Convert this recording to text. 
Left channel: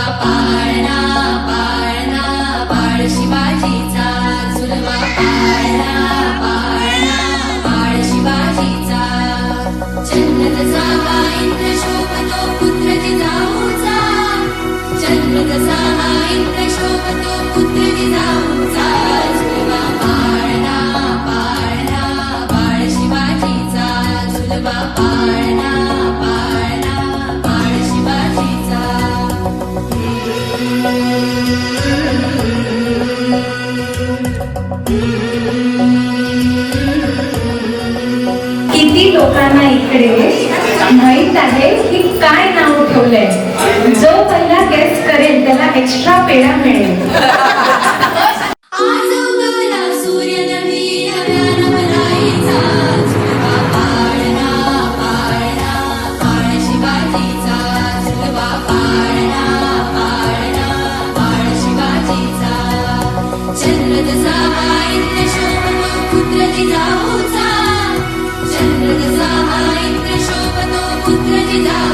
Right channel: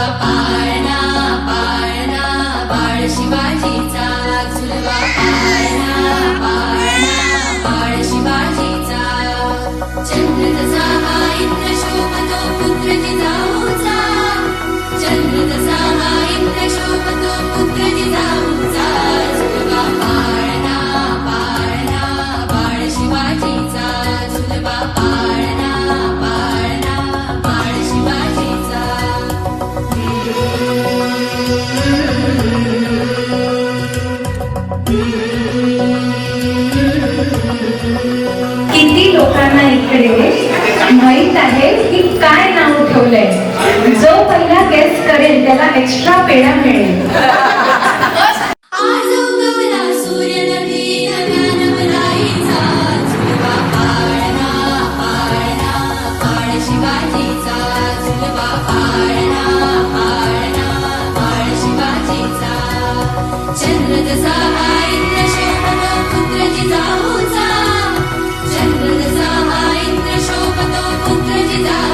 झुलवा पाळणा पाळणा बाळ शिवाजीचा झुलवा पाळणा पाळणा बाळ शिवाजीचा चंद्र जसा हा इंद्र शोभतो पुत्र जिजाऊचा चंद्र जसा हा इंद्र शोभतो पुत्र जिजाऊचा झुलवा पाळणा पाळणा बाळ शिवाजीचा झुलवा पाळणा पाळणा बाळ शिवाजीचा किती लोकांना इकडे माहित आहे की काय नाव ठेवलंय. जो पहिला गेस करेल त्याला एक्स्ट्रा पेढा मिळेल. आज उगवला सूर्य नवीन नव्यानं भराईचा झुलवा पाळणा पाळणा बाळ शिवाजीचा झुलवा पाळणा पाळणा बाळ शिवाजीचा चंद्र जसा हा इंद्र शोभतो पुत्र जिजाऊचा चंद्र जसा हा इंद्र शोभतो पुत्र जिजाऊचा